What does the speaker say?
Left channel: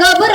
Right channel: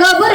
ಗೊಬ್ಬರ